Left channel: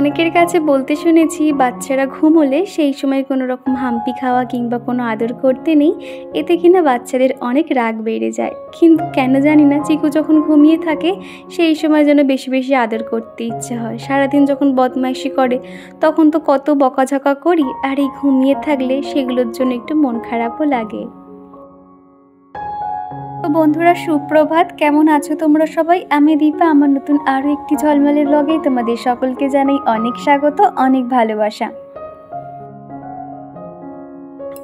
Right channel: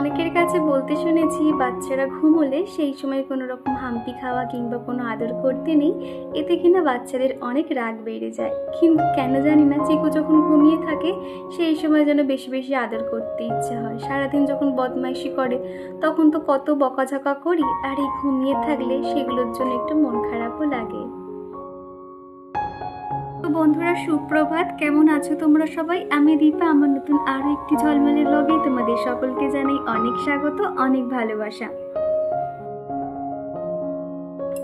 অনেকের কাছে বলতে শুনেছি বাচ্চারা ঘুমোলে সেই সময় কোনো রকম হাম্পি খাওয়া কিংবা কোনো আদর করতে নেই, এতে কিনা বাচ্চাদের অনেক রাগ বেড়ে যায়। কিন্তু কেন জানি না, চিকু যখন ঘুমিয়ে থাকে সেই সময় যেন বেশি বেশি আদর করতে ইচ্ছা হয়। সারাদিন যখন বদমাইশি করে তখন তো কত বকাঝকা করি, আর এই ঘুমিয়ে থাকলে সেগুলোর জন্য একটু মন খারাপও লাগে। তো বন্ধুরা, সুপ্রভাত। কেমন আছো তোমরা সবাই? আমি দীপা। আমার নতুন আরও একটি ঝলমলের ব্লগে তোমাদের সকলকে জানাই অনেক স্বাগত, অনেক ভালোবাসা।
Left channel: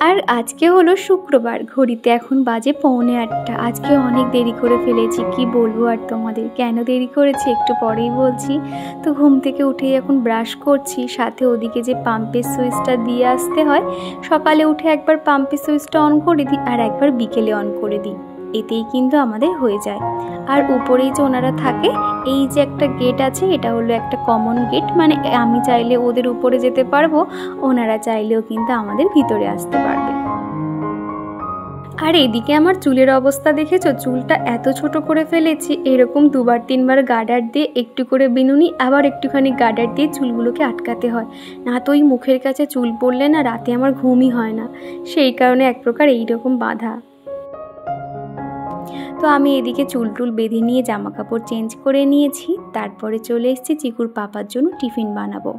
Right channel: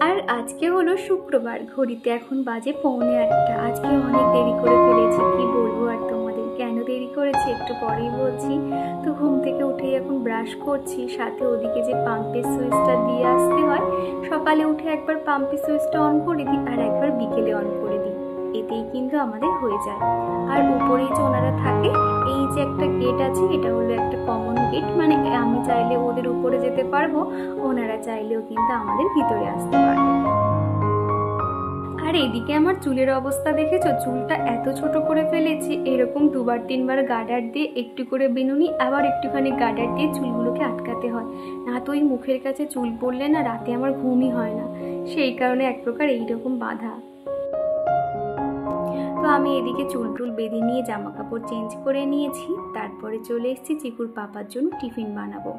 আর আজকে হলো শুক্রবার, ঘড়িতে এখন বাজে 7:45। আজকে অনেক দেরি করে ফেলেছি, কি বলবো আর তোমাদের। কেন দেরি করেছি একটু পরেই বলছি। তো ঘুম থেকে উঠেই এখন ব্রাশ করছি, সাথে ওদিকে যে পাম্পের সুইচটা দিয়ে আসতে হয়, সকালে উঠে একবার পাম্পের সুইচটা অন করে দিই আর একবার বিকেলে অন করে দিই, এতেই কিন্তু আমাদের হয়ে যায়। আর উপরেই যে ওনারা থাকে, এই যে একটা গেট আছে, এটা হলো একটা কমন গেট, মানে আমি চাইলে ওদের উপরে যেতে পারবো, ওনারা চাইলেও কিন্তু আমাদের ভিতরে আসতে পারবে। আর এদিকে আমার চুলের অবস্থা দেখেছো? চুলটা এত ছোট করে ফেলেছি, এরকম 2-3 বার গার্ডার দিয়ে একটু করে বিনুনি, আবার একটুখানি গার্ডার দিয়ে চুলগুলোকে আটকাতে হয়, না তো ওই মুখের কাছে চুল পড়লে না রাতে আমার ঘুমই হয় না। সেই কারণে এক প্রকার এইরকম বাঁধা। তো আমি এদিকে চুল টুল বেঁধে নিয়ে জামা কাপড় চেঞ্জ করে নিয়েছি, তারপরে চলে এসেছি চিকুর পাপার জন্য টিফিন বানাবো।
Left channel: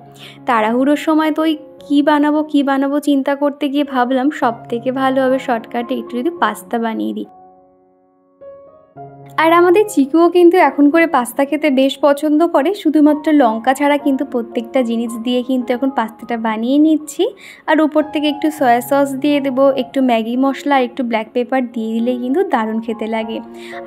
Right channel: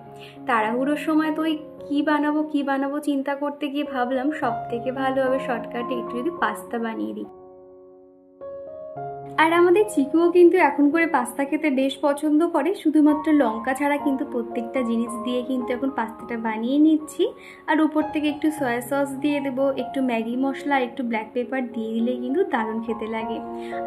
তাড়াহুড়োর সময় তো ওই কী বানাবো চিন্তা করতে গিয়ে ভাবলাম সব থেকে ভালো হবে শর্টকাটে একটু যদি পাস্তা বানিয়ে দিই। আর আমাদের চিকুও কিন্তু এখন করে পাস্তা খেতে বেশ পছন্দ করে, শুধুমাত্র লঙ্কা ছাড়া কিন্তু প্রত্যেকটা জিনিস দিয়ে কিন্তু এখন পাস্তাটা বানিয়ে নিচ্ছি। আর উপর থেকে একটু সয়া সস দিয়ে দেবো, একটু ম্যাগি মশলা আর একটু ব্ল্যাক পেপার দিয়ে দিলে কিন্তু দারুণ খেতে লাগে।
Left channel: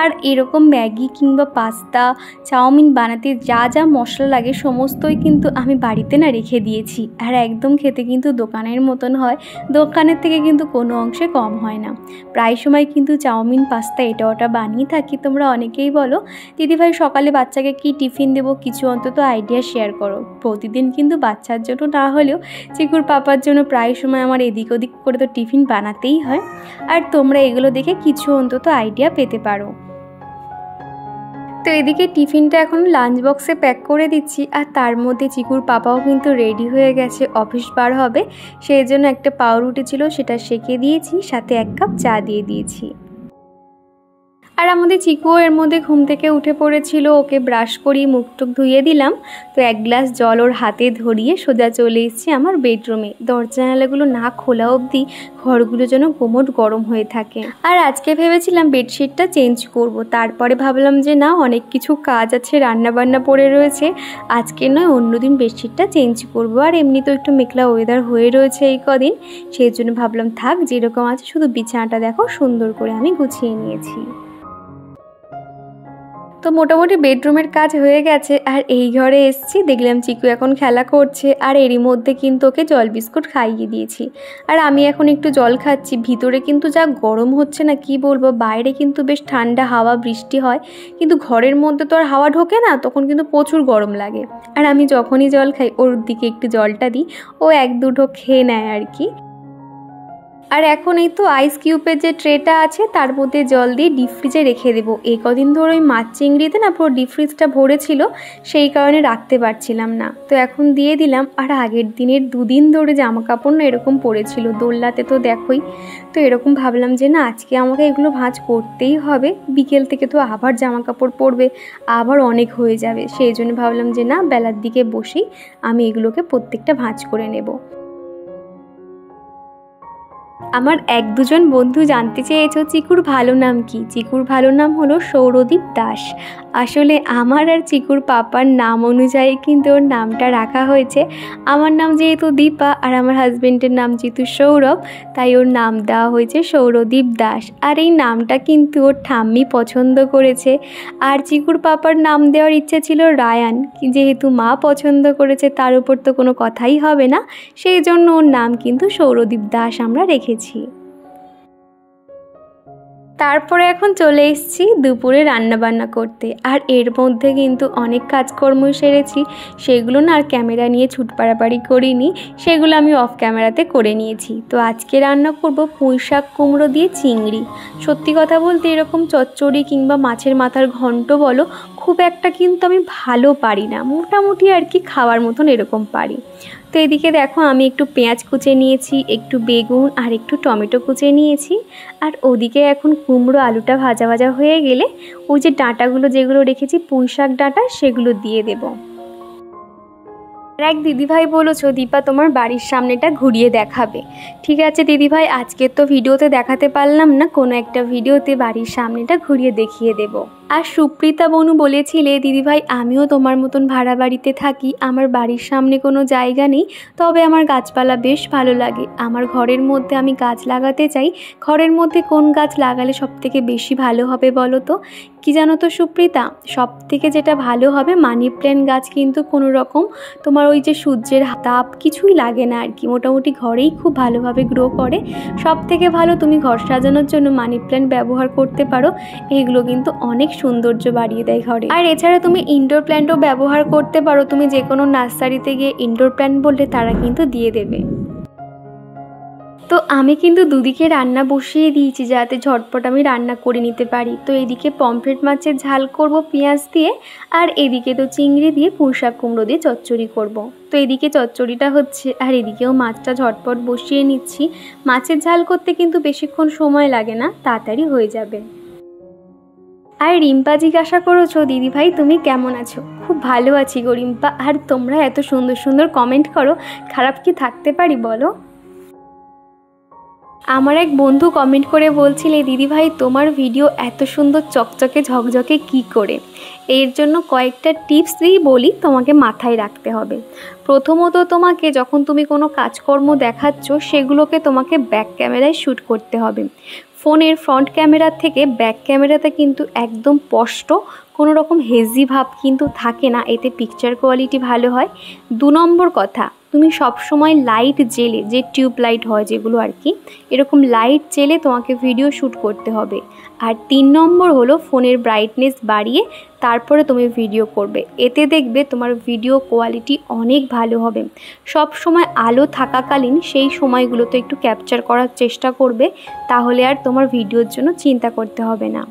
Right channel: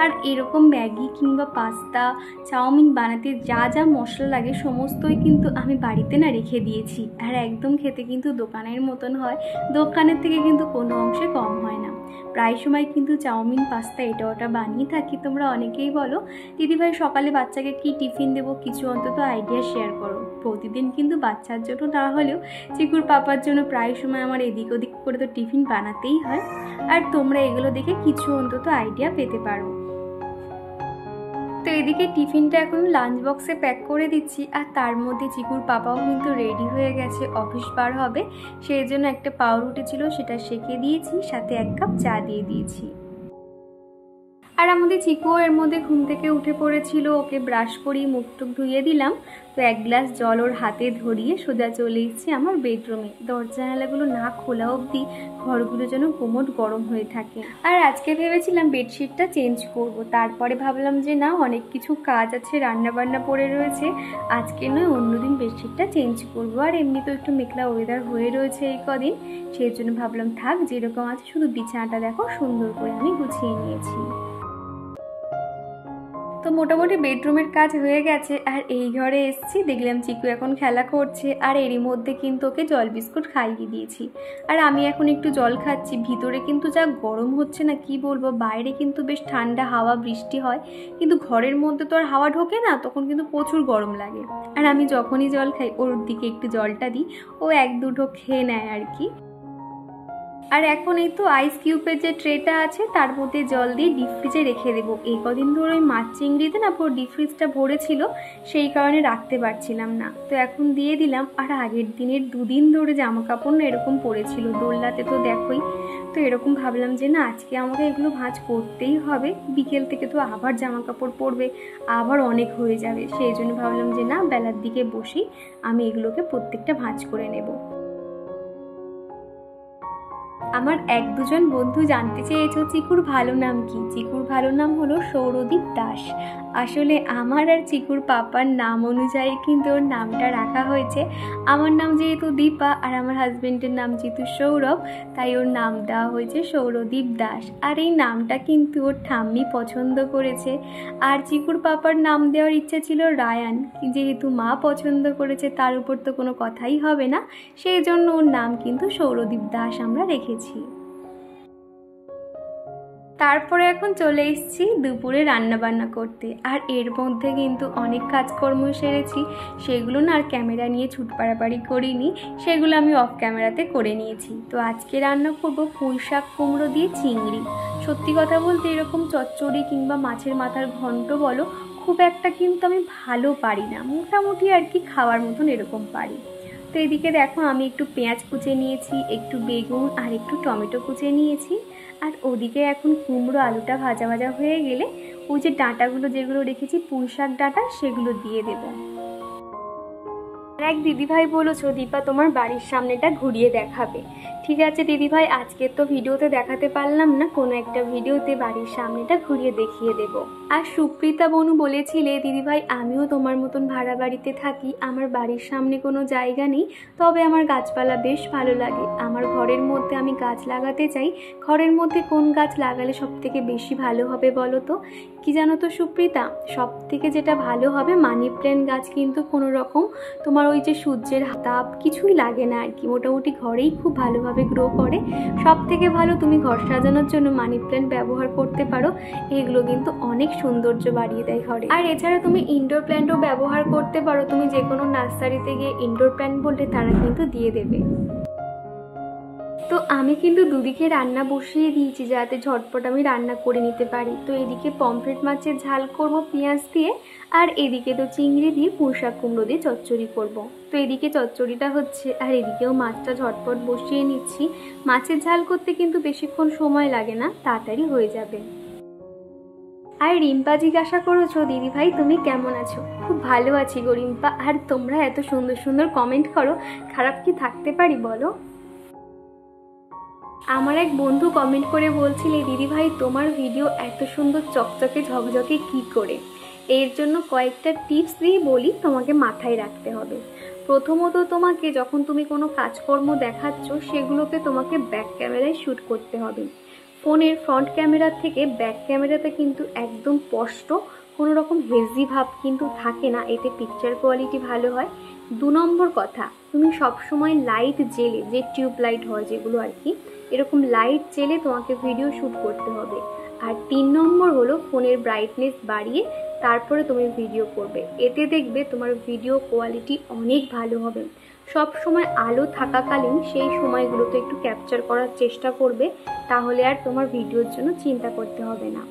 আর এরকম ম্যাগি কিংবা পাস্তা, চাউমিন বানাতে যা যা মশলা লাগে সমস্তই কিন্তু আমি বাড়িতে না রেখে দিয়েছি, আর একদম খেতে কিন্তু দোকানের মতন হয়, দোকানের থেকে কিন্তু কোনো অংশে কম হয় না। প্রায় সময় কিন্তু চাউমিন পাস্তা এটা ওটা বানিয়ে থাকি। তোমরা অনেকেই বলো দিদিভাই সকালে বাচ্চাকে কি টিফিন দেবো, কিছু অন্তত আইডিয়া শেয়ার করো। প্রতিদিন কিন্তু বাচ্চার জন্য না হলেও চিকুর পাপার জন্য প্রায় সময় আমার এদিক ওদিক করে তো টিফিন বানাতেই হয়, আর তোমরা এগুলো দেখে কিছু অন্তত আইডিয়া পেতে পারো। তো এদিকে টিফিনটা এখন লাঞ্চ বক্সে প্যাক করে দিচ্ছি, আর তার মধ্যে চিকুর পাপাও কিন্তু রেডি হয়ে গেছে, অফিস বার হবে। সেই জন্য একটা পাউরুটি ছিল, সেটা সেঁকে দিয়েছি, সাথে 1 কাপ চা দিয়ে দিয়েছি। আর আমাদের চিকুও এর মধ্যে ঘুম থেকে উঠে পড়েছিল, ওকে ব্রাশ করিয়ে মুখ টুক ধুয়ে দিলাম। তো 1 গ্লাস জল ওর হাতে ধরিয়ে সোজা চলে এসেছি আমার বেডরুমে। দরজা জানালাগুলো না খোলা অবধি ঘরগুলো যেন কোমট গরম হয়ে থাকে। আর আজকে ভেবেছিলাম বেডশিটটা চেঞ্জ করব, তারপরে ভাবলাম যে না, অনেক কিছু কাজ আছে, রান্নাবান্না পড়ে রয়েছে, আজকে নয় অন্যদিন বেডশিটটা চেঞ্জ করব। আর এমনি তো একটু মেঘলা ওয়েদার হয়ে রয়েছে এই কদিন, সেই জন্য ভাবলাম থাক, যেরকম আছে, শুধু বিছানাটা দেখো সুন্দর করে আমি গুছিয়ে নিয়েছি। তো মোটামুটি বেডরুমের কাজ হয়ে গেছে, আর এই ঘরে এসেছি, দেখলাম চিকু এখন খেলা করছে, আর এরই মধ্যে কিন্তু ওকে জল বিস্কুট খাইয়ে দিয়েছি। আর আমি এখন একটু জল খাচ্ছি। ভিতরে কিন্তু যা গরম হচ্ছে না, কি বলবো, বাইরে কিন্তু বেশ ঠান্ডা হাওয়া বৃষ্টি হয়, কিন্তু ঘরের মধ্যে তো আর হাওয়া ঢোকে না, তখন কিন্তু প্রচুর গরম লাগে। আর আমি যখনই জল খাই ওর দিকে একটু জলটা দিই, ও 1-2 ঢোক খেয়ে নেয় আর কি। আর এখন এই তো আইস কিউবের যে ট্রেটা আছে তার মধ্যে জল দিয়ে ডিপ ফ্রিজে রেখে দেবো। এই কদিন ধরে ওই মাছ চিংড়িতে না পুরো ডিপ ফ্রিজটা ভরে ছিল, সেই কারণে রাখতে পারছিলাম না। তো এখন দিয়ে দিলাম। আর আগের দিনের 2 দিন ধরে জামা কাপড় না এরকম পড়েছিল দোলনাতে, তো দেখোই। তো এরকম ভাবলাম যে না, আজকে আমাকে এগুলো ভাঁজ করতেই হবে, বিকেল থেকে তো আবার জামা কাপড় পরবে, আবার অনেক হয়ে যাবে। সেই জন্য ভাবলাম যে না, বেলার দিকে বসেই আমি এগুলোকে প্রত্যেকটা ভাঁজ করে নেব। আমার 1-2 জন বন্ধু জানতে চেয়েছো চিকুর ভালো নাম কি। চিকুর ভালো নাম হলো সৌরদীপ দাস। আসলে আমার আর চিকুর পাপার নাম অনুযায়ী কিন্তু ওর নামটা রাখা হয়েছে। আমার নাম যেহেতু দীপা আর আমার হাজব্যান্ডের নাম যেহেতু সৌরভ, তাই ওর নাম দেওয়া হয়েছে সৌরদীপ দাস। আর এই নামটা কিন্তু ওর ঠাম্মি পছন্দ করেছে। আর চিকুর পাপার নাম দেওয়ার ইচ্ছে ছিল রায়ান, যেহেতু মা পছন্দ করেছে তার উপর তো কোনো কথাই হবে না, সেই জন্য ওর নাম কিন্তু সৌরদীপ দাস আমরা রেখেছি। তারপরে এখন চলে এসেছি দুপুরে রান্নাবান্না করতে। আর এর মধ্যে কিন্তু অনেক কাজকর্ম সেরেছি, সেগুলো না আর ক্যামেরা নিয়ে ছুট পাড়াপাড়ি করিনি, সেগুলো আমি অফ ক্যামেরাতে করে নিয়েছি। তো আজকে রান্না করব পুঁইশাক কুমড়ো দিয়ে চিংড়ি। সত্যি কথা বলতে এরকম চচ্চড়ি কিংবা মাছের মাথার ঘন্ট বলো, খুব একটা কিন্তু আমি ভালো পারি না, মোটামুটি আর কি খাওয়ার মতন এরকম পারি। তো এদিকে দেখো আমি একটু পেঁয়াজ কুচে নিয়েছি, একটু বেগুন আর একটু টমেটো কুচে নিয়েছি। আর ওদিকে এখন কুমড়ো আলুটা ভাজা ভাজা হয়ে গেলে ওই যে ডাঁটাগুলো যেগুলো রেখেছি পুঁই শাক ডাঁটা সেগুলো দিয়ে দেবো। আর এক দিদিভাই বলেছো দীপা তোমার বাড়ির সামনেটা ঘুরিয়ে দেখাবে। ঠিক আছে দিদিভাই, আজকে তো ভিডিওতে দেখাতে পারলাম না, কোনো একটা ভিডিওতে বাড়ির সামনেটা ঘুরিয়ে দেখিয়ে দেব। আর সুপ্রিতা বনু বলেছিলে দিদিভাই আমিও তোমার মতন ভাড়া বাড়িতে থাকি, আমার বাড়ির সামনে কোনো জায়গা নেই, তবে আমার গাছপালা বেশ ভালো লাগে, আমার ঘরের মধ্যে আমি গাছ লাগাতে চাই, ঘরের মধ্যে কোন গাছ লাগালে সবথেকে বেশি ভালো হবে বলো তো? কি জানো তো সুপ্রিতা, সব থেকে যেটা ভালো হবে মানি প্ল্যান্ট গাছ কিন্তু কোনো রকম তোমার ওই যে সূর্যের তাপ কিছুই লাগে না আর কি, মোটামুটি ঘরেই খুব ভালোভাবে গ্রো করে। সব থেকে ভালো তুমি ঘর সাজানোর জন্য মানি প্ল্যান্ট ব্যবহার করতে পারো, এগুলো কিন্তু অনেক সৌন্দর্য বাড়িয়ে দেয় ঘরে। আর এছাড়া তুমি ইনডোর প্ল্যান্টও ব্যবহার করতে পারো, তুমি যে কোনো নার্সারিতে গিয়ে ইনডোর প্ল্যান্ট বললে তারা কিন্তু দিয়ে দেবে। তো আমি কিন্তু দুদিকে রান্না বসিয়ে দিয়েছি যাতে ঝটপট আমি রান্না করে নিতে পারি। তো এদিকে পমফ্রেট মাছের ঝাল করব পেঁয়াজ দিয়ে, আর এদিকে তো চিংড়ি দিয়ে পুঁই শাক কুমড়ো দিয়ে চচ্চড়ি করব। তো এদিকে চচ্চড়িটা হচ্ছে আর এদিকেও মাছটা ঝটপট বসিয়ে নিচ্ছি। মাছের ঝাল করতে কিন্তু বেশিক্ষণ সময় লাগে না, তাড়াতাড়ি হয়ে যাবে। আর রিম্পা জিজ্ঞাসা করেছো দিদিভাই তুমি কেমন আছো? খুব ভালো আছি গো রিম্পা। আর তোমরা এত সুন্দর সুন্দর কমেন্ট করো, খারাপ কি থাকতে পারি বলো? আমার এক বন্ধু কমেন্ট করে বলছিলে দিদিভাই তোমার ভিডিও এত সুন্দর চকচকে ঝকঝকে কি করে? এর জন্য কয়েকটা টিপস দিয়ে বলি তোমাকে মাথায় রাখতে হবে। প্রথমত তোমাকে যখন তুমি কোনো কাজকর্ম দেখাচ্ছ সেগুলোকে তোমাকে ব্যাক ক্যামেরায় শ্যুট করতে হবে। ফোনের ফ্রন্ট ক্যামেরার থেকে ব্যাক ক্যামেরাতে কিন্তু একদম স্পষ্ট, কোনো রকম হেজি ভাব কিন্তু থাকে না, এতে পিকচার কোয়ালিটি ভালো হয়। 2 নম্বর কথা, তুমি সবসময় লাইট জেলে, যে টিউব লাইট হয় যেগুলো আর কি, এরকম লাইট জেলে তোমাকে ভিডিও শ্যুট করতে হবে। আর 3 নম্বর হলো ফোনের ব্রাইটনেস বাড়িয়ে তারপরে তুমি ভিডিও করবে, এতে দেখবে তোমার ভিডিও কোয়ালিটি অনেক ভালো হবে। সব সময় আলো থাকাকালীন সেই সময়গুলোতে একটু ক্যাপচার করার চেষ্টা করবে, তাহলে আর তোমার ভিডিওর জন্য চিন্তা করতে হবে না।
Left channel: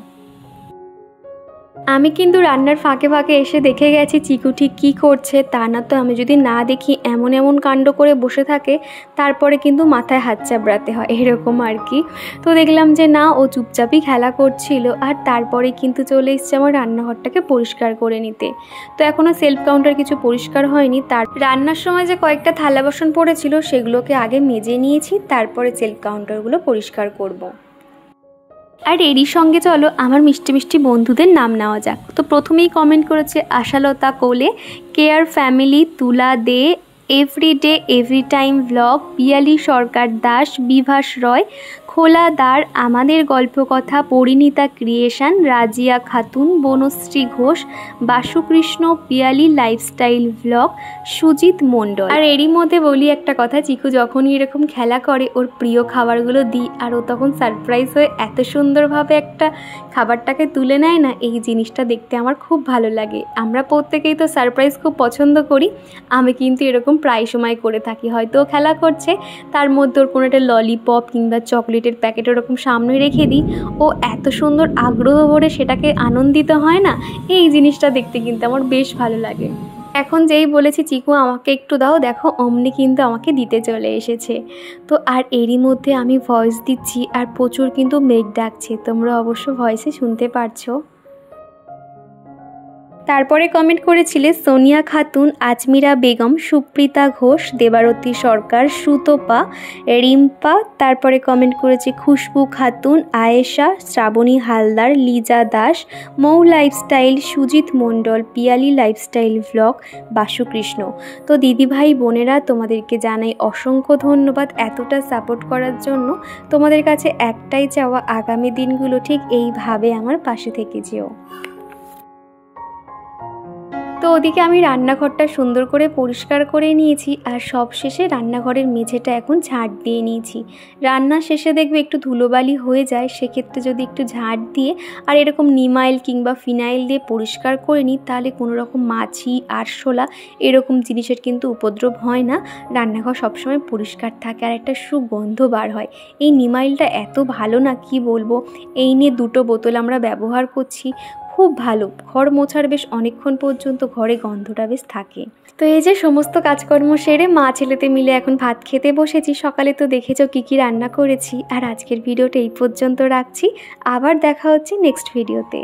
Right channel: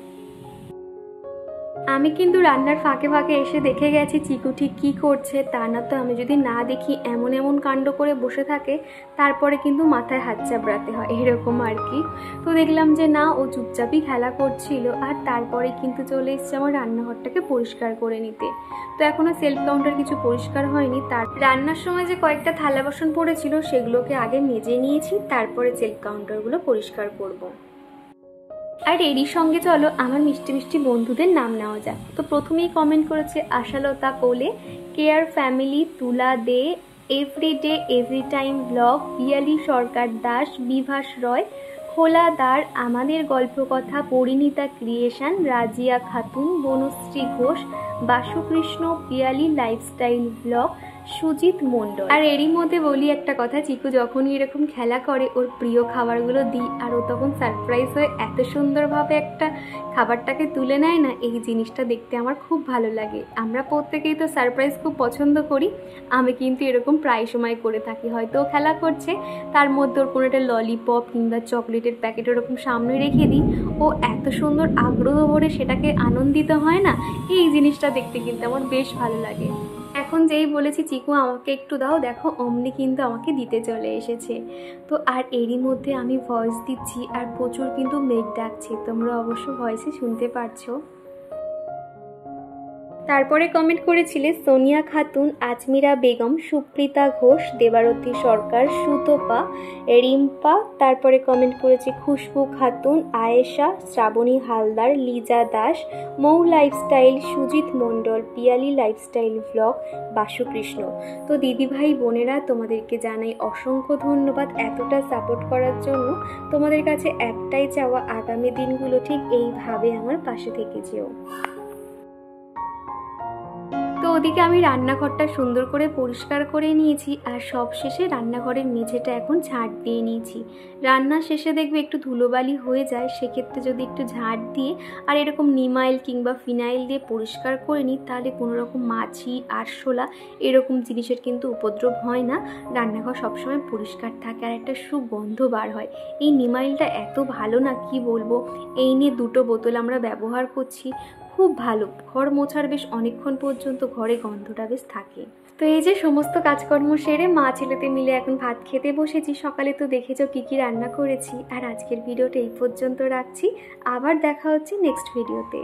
আমি কিন্তু রান্নার ফাঁকে ফাঁকে এসে দেখে গেছি চিকু ঠিক কী করছে, তা না তো আমি যদি না দেখি এমন এমন কাণ্ড করে বসে থাকে তারপরে কিন্তু মাথায় হাত চাপড়াতে হয়, এরকম আর কি। তো দেখলাম যে না, ও চুপচাপই খেলা করছিল। আর তারপরে কিন্তু চলে এসছে আমার রান্নাঘরটাকে পরিষ্কার করে নিতে। তো এখনও সেলফ কাউন্টার কিছু পরিষ্কার হয়নি, তার রান্নার সময় যে কয়েকটা থালা বাসন পড়েছিল সেগুলোকে আগে মেজে নিয়েছি, তারপরে সেলফ কাউন্টারগুলো পরিষ্কার করব। আর এরই সঙ্গে চলো আমার মিষ্টি মিষ্টি বন্ধুদের নাম নেওয়া যাক। তো প্রথমেই কমেন্ট করেছে আশালতা কোলে, care family, Tula De, everyday every time blog, Piyali Sarkar Das, Bibhas Roy, Khola Dwar, Amader Galpakatha, Parinita creation, Razia Khatun, Banashree Ghosh, Basukrishna, Piyali lifestyle blog, Sujit Mondal. আর এরই মধ্যে বলি একটা কথা, চিকু যখনই এরকম খেলা করে ওর প্রিয় খাবারগুলো দিই আর ও তখন সারপ্রাইজ হয়ে এত সুন্দরভাবে একটা খাবারটাকে তুলে নেয় না, এই জিনিসটা দেখতে আমার খুব ভালো লাগে। আমরা প্রত্যেকেই তো সারপ্রাইজ খুব পছন্দ করি, আমি কিন্তু এরকম প্রায় সময় করে থাকি। হয়তো ও খেলা করছে, তার মধ্যে ওর কোনো একটা ললিপপ কিংবা চকলেটের প্যাকেট ওরকম সামনে রেখে দিই, ও এত সুন্দর আগ্রহ ভরে সেটাকে আনন্দিত হয় না, এই জিনিসটা দেখতে কিন্তু আমার বেশ ভালো লাগে। এখন যেই বলেছি চিকু আমাকে একটু দাও, দেখো অমনি কিন্তু আমাকে দিতে চলে এসেছে। তো আর এরই মধ্যে আমি ভয়েস দিচ্ছি আর প্রচুর কিন্তু মেঘ ডাকছে, তোমরা অবশ্য ভয়েসে শুনতে পারছো। তারপরে কমেন্ট করেছিলে সোনিয়া খাতুন, আজমিরা বেগম, সুপ্রিতা ঘোষ, দেবারতী সরকার, সুতপা, রিম্পা। তারপরে কমেন্ট করেছে খুশবু খাতুন, আয়েশা, শ্রাবণী হালদার, লিজা দাস, মৌ লাইফস্টাইল, সুজিত মণ্ডল, পিয়ালি লাইফস্টাইল ব্লগ, বাসুকৃষ্ণ। তো দিদিভাই বোনেরা তোমাদেরকে জানাই অসংখ্য ধন্যবাদ এতটা সাপোর্ট করার জন্য। তোমাদের কাছে একটাই চাওয়া, আগামী দিনগুলো ঠিক এইভাবে আমার পাশে থেকে যেও। তো ওদিকে আমি রান্নাঘরটা সুন্দর করে পরিষ্কার করে নিয়েছি আর সব শেষে রান্নাঘরের মেঝেটা এখন ঝাঁট দিয়ে নিয়েছি। রান্না শেষে দেখবে একটু ধুলোবালি হয়ে যায়, সেক্ষেত্রে যদি একটু ঝাঁট দিয়ে আর এরকম নিমাইল কিংবা ফিনাইল দিয়ে পরিষ্কার করে নিই তাহলে কোনো রকম মাছি, আরশোলা এরকম জিনিসের কিন্তু উপদ্রব হয় না, রান্নাঘর সবসময় পরিষ্কার থাকে আর একটা সুগন্ধ বার হয়। এই নিমাইলটা এত ভালো না কি বলবো, এই নিয়ে 2টো বোতল আমরা ব্যবহার করছি, খুব ভালো, ঘর মোছার বেশ অনেকক্ষণ পর্যন্ত ঘরে গন্ধটা বেশ থাকে। তো এই যে সমস্ত কাজকর্ম সেরে মা ছেলেতে মিলে এখন ভাত খেতে বসেছি। সকালে তো দেখেছো কী কী রান্না করেছি। আর আজকের ভিডিওটা এই পর্যন্ত রাখছি, আবার দেখা হচ্ছে নেক্সট ভিডিওতে।